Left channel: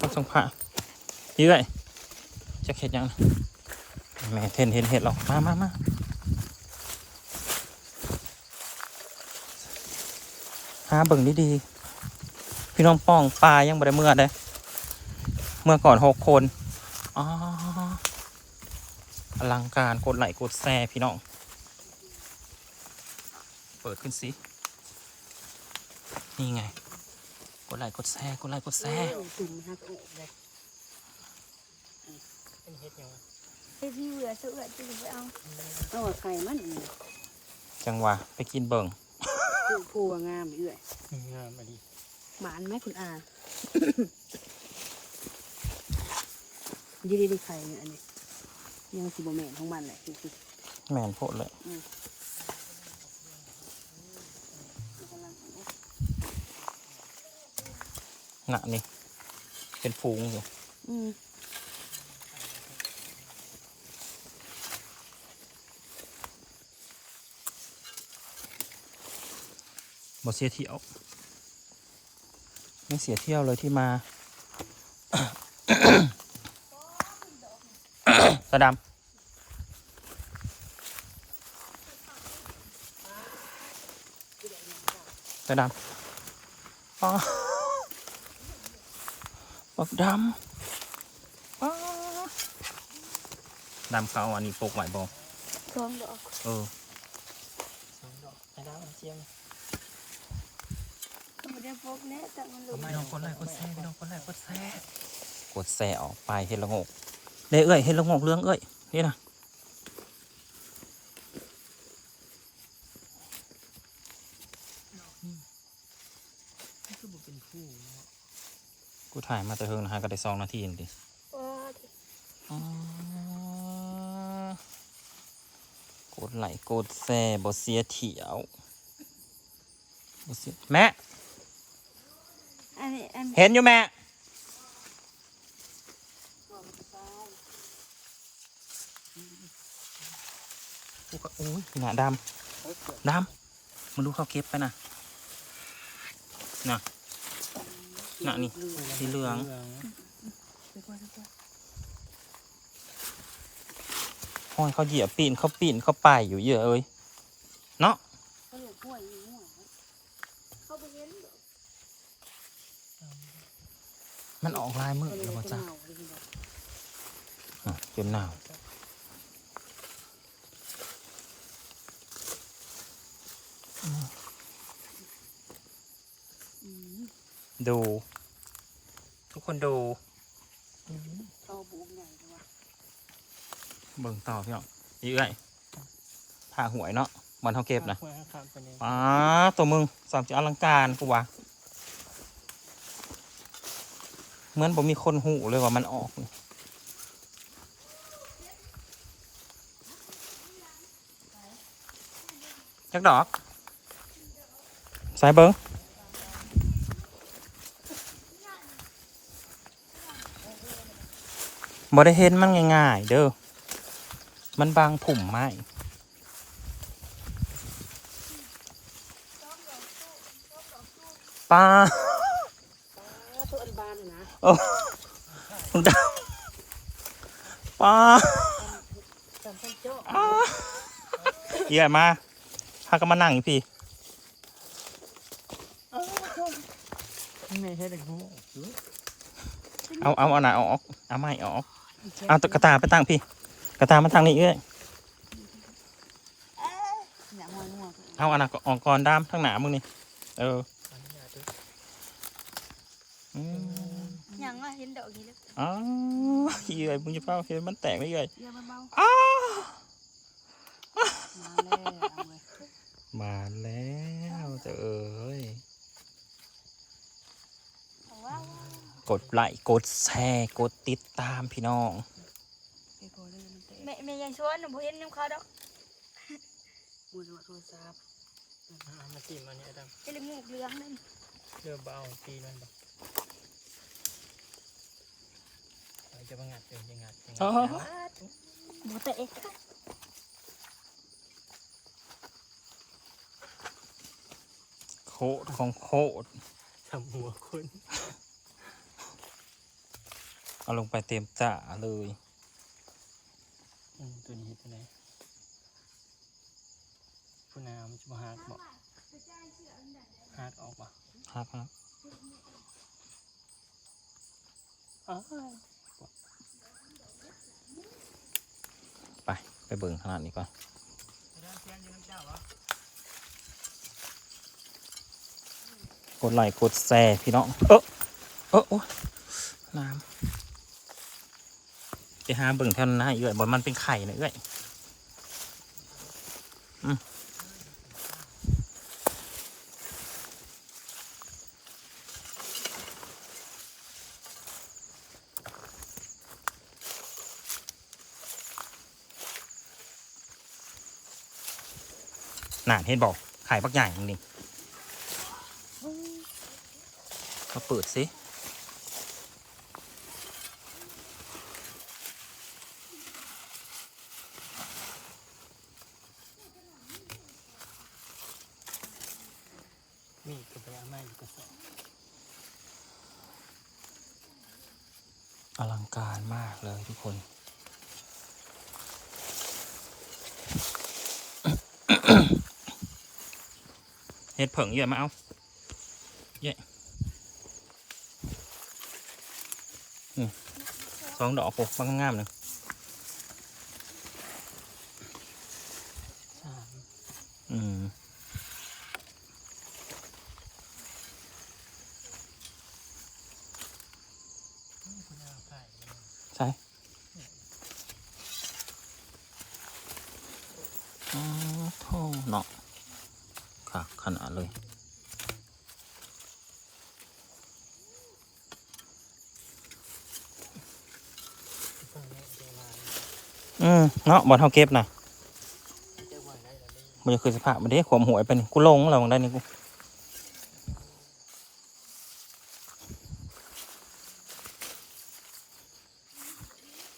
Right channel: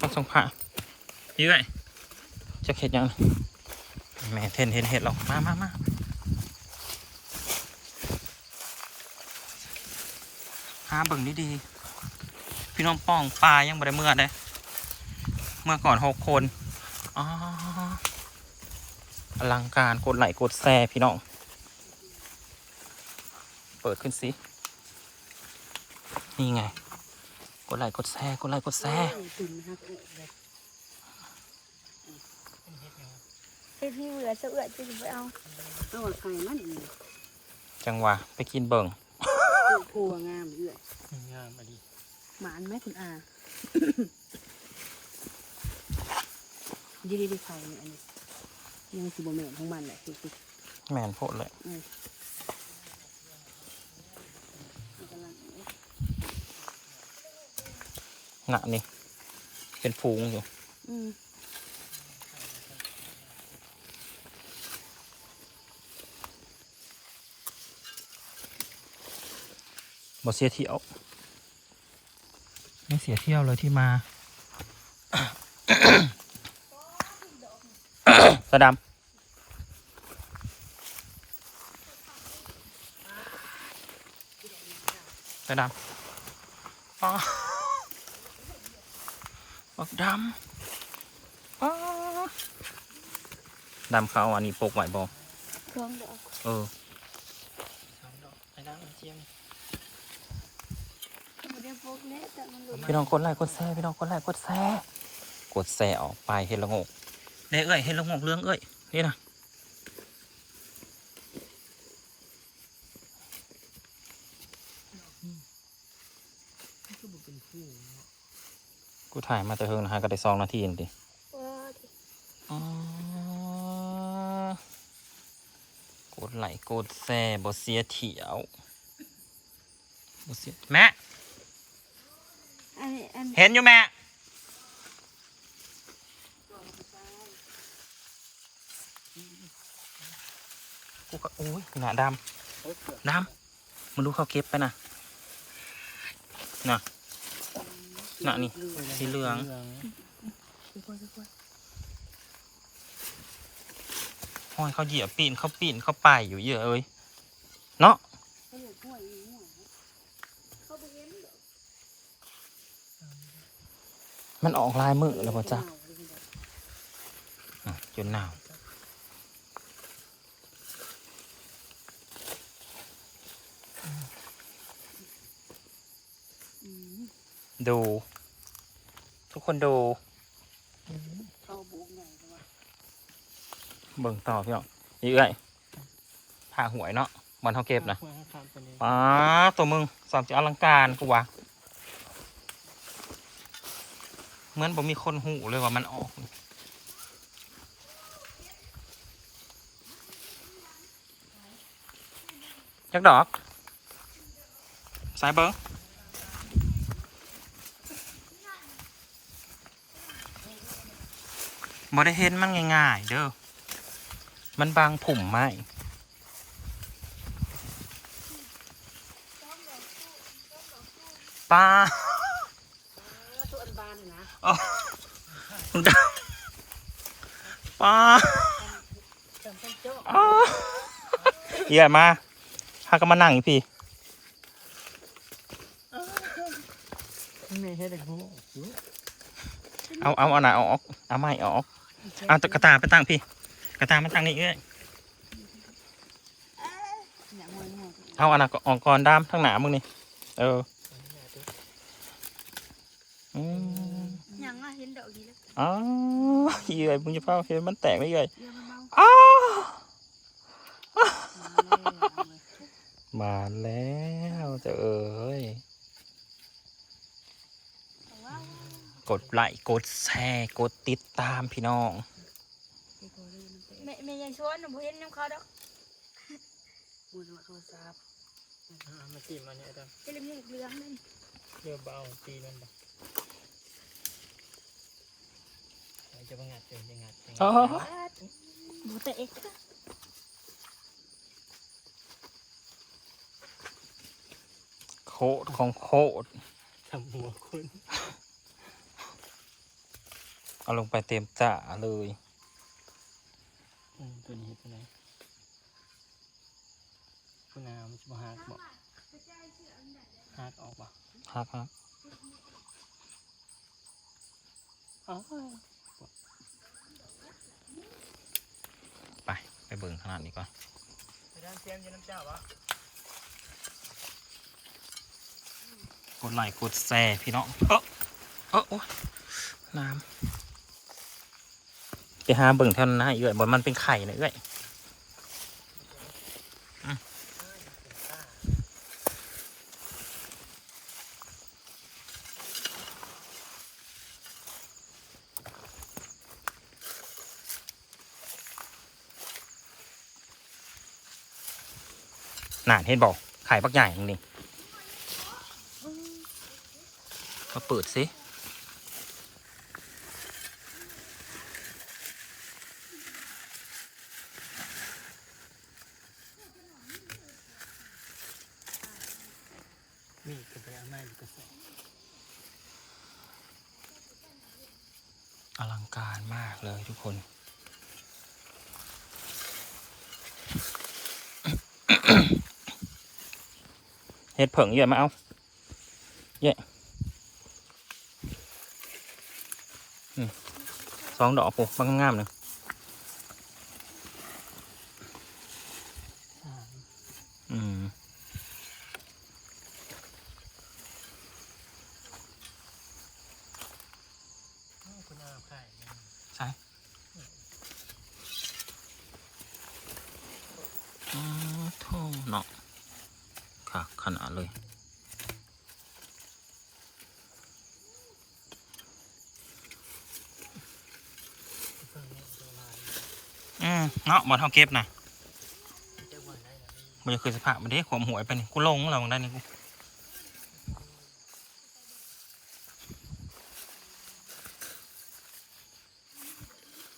ต้องส่งผ้ายื้อยจะเห็ดยังแม่เห็นเห็นเห็ดหรอกมามามาหาเบิ่งดีๆพี่น้องป้องปลายังบ่ได้เมื่อเลยเมื่อก่อนหกคนอ๋ออลังการกดไหลกดแซ่พี่น้อง เปิดขึ้นสิ นี่ไง กดไลค์กดแชร์กดไลค์กดแชร์ตุ่มฮักอกเลยพี่พี่เหลือเสือจึงไปเอาต้องเอาไข่มันนี่จังหวะไปกินเบิ่งผู้ผู้ว่างามเอื้อยงามอันนี้หมานไหมคุณอาดีดีไข่เนี่ยอันนี้ยังสิบแมนของมันแหละแมนโพดเลย มันกำลัง หนะนี่ เป็นฟูงอยู่อืมบ่เสียเที่ยว ไม่เสียเที่ยวเลยที่มาสะดำสะดำอ๋อ บักดำอ๋อดำเขาอันนี้ปกไหวบ่ช่วงดอกเออสองดอกไปแล้วเจียงมันได้พกเนี้ยแต่มันหลุดพี่น้องกดไลค์กดแชร์พี่น้องกดไลค์กดแชร์กดแชร์ออกไปเห็นละงกเด้เอ้ยเห็นละงกเรื่องเอ้ยนี่นะ นี่ก็บอกเป็นผู้เนาะ กู ถ่ายมาแต่เฮิงนะฮะก็ได้สองนาทีเองดิโอ้ยอ๋อกดไลค์กดแชร์บ่เสียเที่ยวบ่เสียแม่อันนี้อันนี้เห็นอยู่แม่กูก็โอ้ยหนาดำดำมึงดูเขาเก็บไปนะน่ะ น่ะนี่สีเหลืองเหลืองทุกคนทุกคนห้อยเขาเหยียบปีนเขาปีนเขาไปอยู่เยอะเอ้ยเนาะมันออกลายมือแล้วป่ะจ๊ะจนหนาวดู คนดูเข้าบุกใหญ่เลยว่ะเบิ่งต่อพี่น้องนี่เอ้ยผ่าหวยเนาะมันเขาเก็บนะหัวข้ามไปเลยป้าบตัวมึงสามจะอลังการกูวะเหมือนผมมีคนหูเลยว่ามันออกจักดอก ใส่เบิ้ง บ่ได้เห็นมันง่ายๆ เด้อ มันบางผุ่มไม้ป้าตัวอันบานเลยนะคุณดาวป้าอ้าเยี่ยมาพาก็มานั่งอยู่พี่ไม่ใช่เด็กหูเอาเอาเอาหนาออกเอาไม่ออก เอาตุ๊กตาไปตั้งพี่ กระตามาตั้งนี่เอ้ยเนี่ยห้วยห้วยเอาอันน่ะออกก่อนด้ามทั้งหนามึงนี่ เอออืมยังอะเห็นดอกนี้แล้วอ๋อเยื่อยมึงจะเฝ้าเห็นมันแตกไม่เยื่อยเยอะเบาอ้าๆมาแล้วเอาเลยมาแล้วแต่เอ้ย แต่ว่าก ดไลค์กดแชร์กดติดตามพี่น้องไปพอเลยมันเตะแม่แม่ยังชวนน่ะบ่เห็นน้ำเขาดอกมือโทรศัพท์มาตีมาเนี่ยดไอ้เรื่องเหลืองนั่นำเรือเบาตีมันบอกเราจะมางัดเดี๋ยวจะงัดจะงัดอ๋อวาดบ่แต่เอ็กโคตรของโคตรทำหัวคน เอาลงไปเต็มจ่าเลยอืมตัวนี้ตัวไหนผู้น้ำจะมาหักบอกหักออกบ่ฮักฮักอ้าวไป ไปเบิ่งขนาดนี้ก่อนน้ำเทียนอยู่น้ำเจ้าวะกดไลค์กดแชร์พี่น้อง เออเออโอ้ยน้ำ ไปหาเบิ่งแถวนั้นนะเอื้อยบอมันเป็นไข่นะเอื้อยอืมน่าเห็นบอกไข่ปักใหญ่จริงๆมาเปิดสิ มีกระเป๋าไม้อยู่กระสอบ อลังการมากเลยทุกคน เห็ดเผงเยอะมาเอาเยอะสองดอกโอ้บางงามหนึ่ง สาม อืม อืมคุณอาไข่ ใช่อ๋อโท่เนาะค่ะขนาด เลย อืมเนาะบอลเท่าเก็บนะมันจะคือสภาพมันได้ขวมหวยเป็นกูลงเราได้นี่กู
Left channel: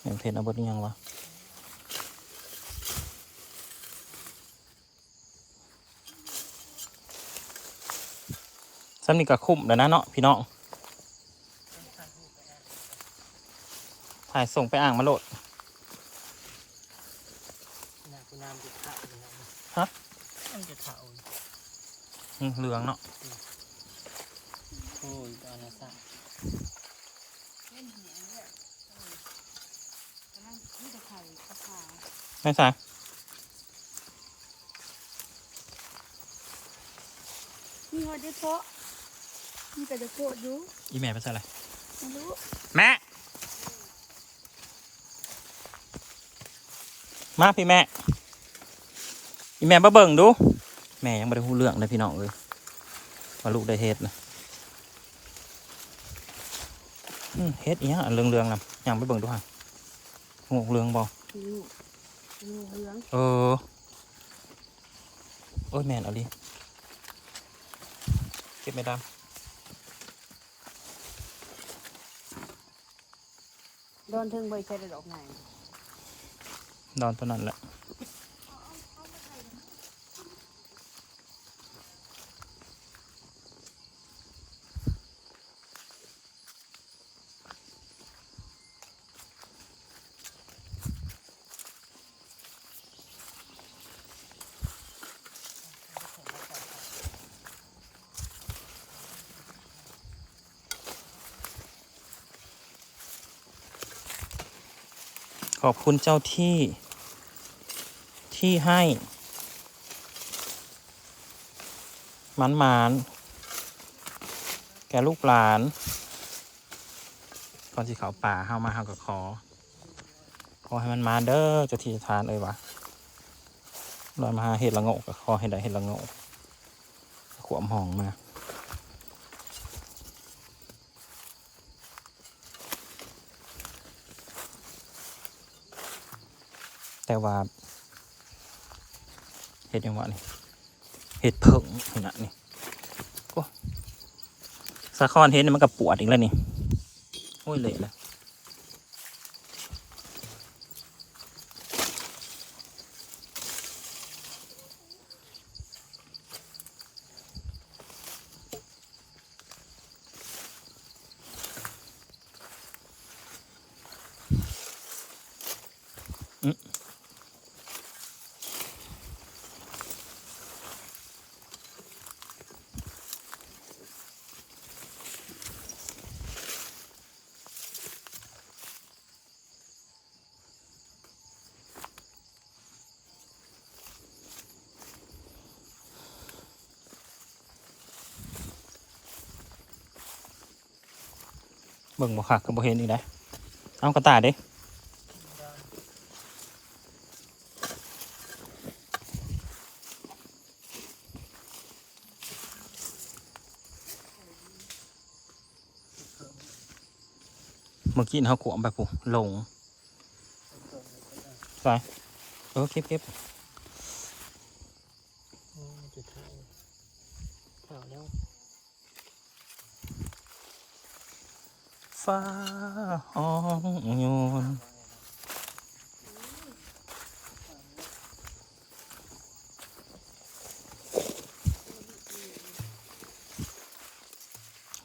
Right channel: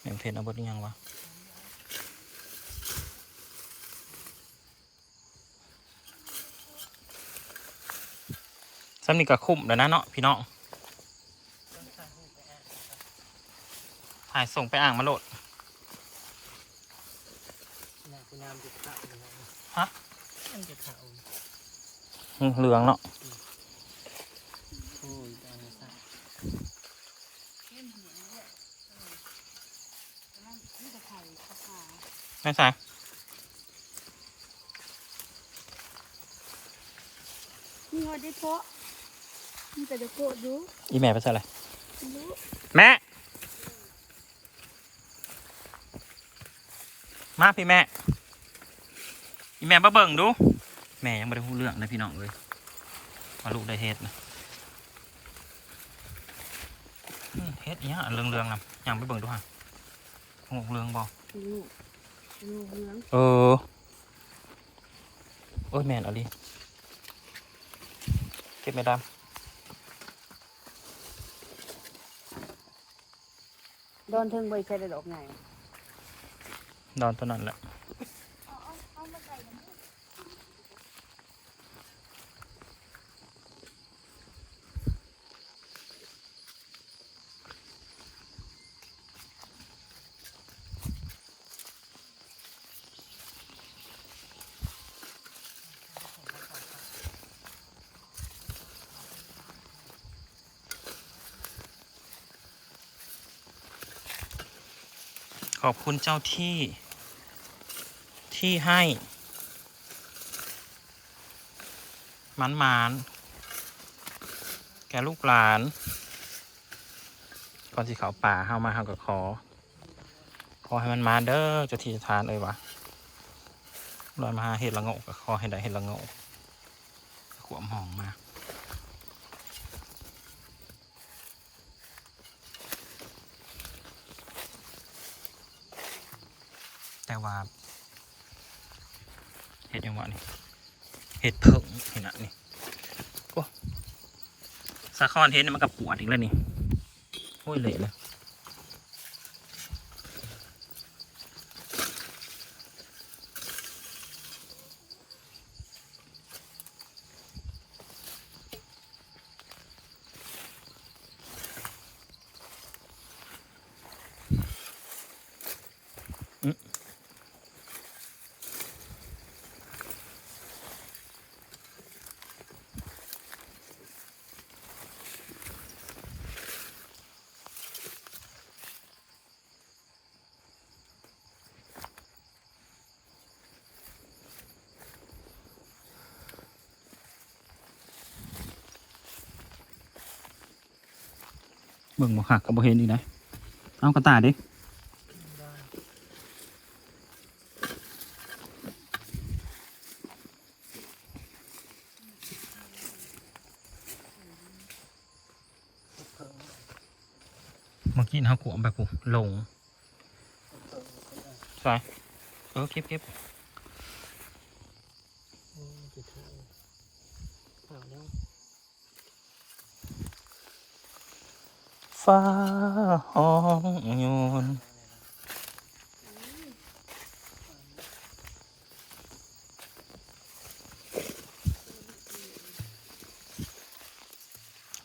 เห็นเพจเอาเบดนี่ยังวะ ซ้ำนี่ก็คุ้มแล้วนะเนาะพี่น้องถ่ายส่งไปอ่างมาโหลดน้ำจะขาวฮะมันจะขาวเหลืองเนาะโอ้ยตาละสาเล่นหัวเนี่ยเออแต่นั่นนี่ตะไคร่ตะขาไม่ใช่มีหอดได้เพาะ มีแต่เด็กโกรธอยู่อีแม่ไปใส่อะไรไม่รู้แม่มาพี่แม่ อีแม่มาเบิ่งดู แม่ยังไม่ได้พูดเรื่องเลยพี่น้องเลยว่าลูกได้เฮ็ดนี่นี่เฮ็ดอีหยังอันเรื่องๆนะยังไปเบิ่งดูฮะงูเรื่องบ่ลูกลูกเหลืองเออโอ้ยแม่นเอาดิเจ็บไหมด โดนถึงใบใช่ได้ดอกไงำนอนตัวนั้นแหละ ขอบคุณเจ้าที่ที่ให้มันมานแกลูกหลาน ก่อนที่เขาป่าเฮามาเฮากับขอ ขอให้มันมาเด้อจ้าที่เจ้าทานเอ้ยวะลอยมาหาเห็ดละโงกกับขอให้ได้เห็ดละโงกขวมหองมา แต่ว่าเห็ดยังวะนี่เห็ดเผิงนี่นะนี่ก็สะคอนเห็ดนี่มันกับปวดอีกแล้วนี่โอ้ยเละเลย เบิ่งบ่หักก็บ่เห็นอีกนะเอากระต่ายดิเมื่อกี้เขาขวมไปปุ๊ลงไปเออเก็บเก็บโอ้จะถ่ายถ่ายแล้ว ฟ้าห้องโยน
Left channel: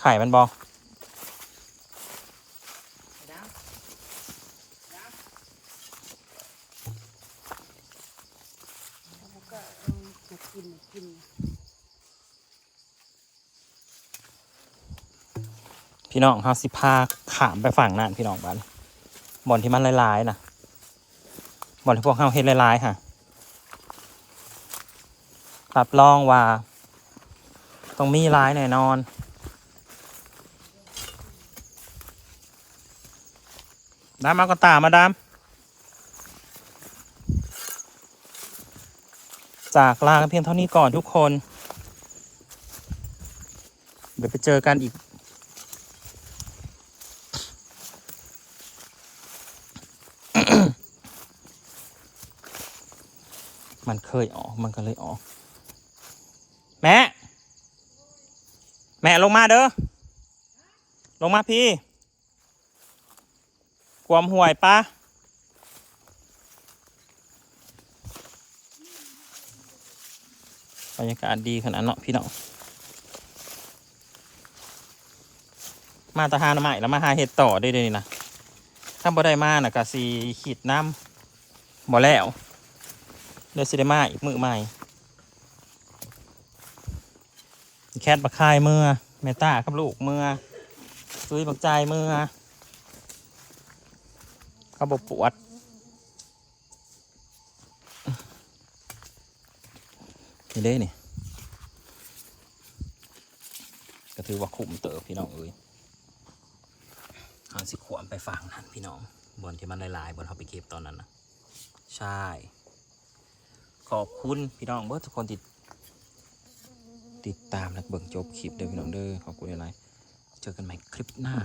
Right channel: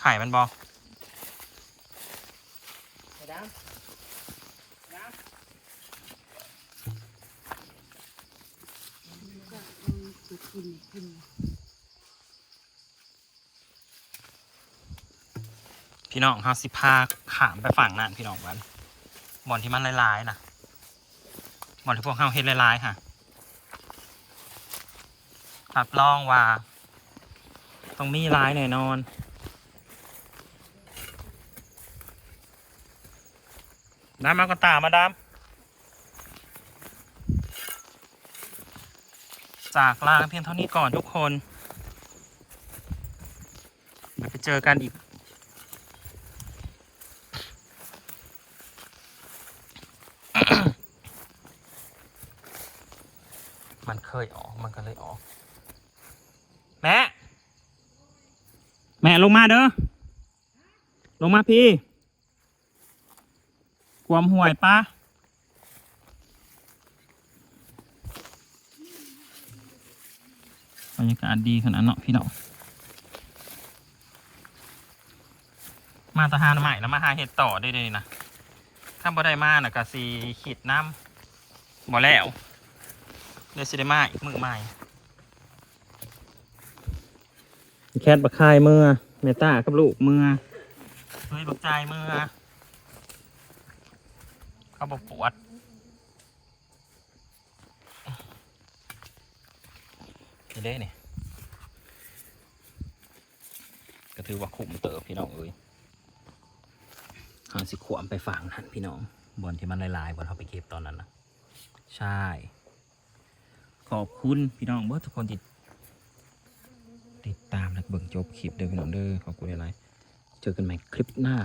ไข่มันบอ แล้วก็เอามากินกิน พี่น้องเฮาสิพาขามไปฝั่งนั่นพี่น้องบ้านบ่อนที่มันลายๆนะบ่อนที่พวกเฮาเฮ็ดลายๆค่ะรับรองว่าต้องมีลายแน่นอนดามากระตามาดาม จากลาเพียงเท่านี้ก่อนทุกคน เดี๋ยวไปเจอกันอีก มันเคยออก มันก็เลยออก แม่ แม่ลงมาเด้อ ลงมาพี่ ความห่วยปะบรรยากาศดีขนาดเนาะพี่เน้องมาตะหานใหม่แล้วมาหาเห็ดต่อได้เลยนะ ถ้าบ่ได้มาน่ะกะสีขีดน้ำบ่แล้ว เดี๋ยวสิได้มาอีกมือใหม่ แคทบักคายมือเมต้ากับลูกมือซุยบักใจายมือเขาบอกปวดนี่เด้นี่ก็ถือว่าคุ้มเติบพี่น้องเอ้ยหางสิขวามไปฝังหันพี่น้องบอลที่มันลายๆบอลเขาไปเก็บตอนนั้นนะใช่ ขอบคุณพี่น้องเบิร์ทุกคนติดติดตามและเบิ่งจบคลิปเด้อพี่น้องเด้อขอบคุณหลายๆเจอกันใหม่คลิปหน้า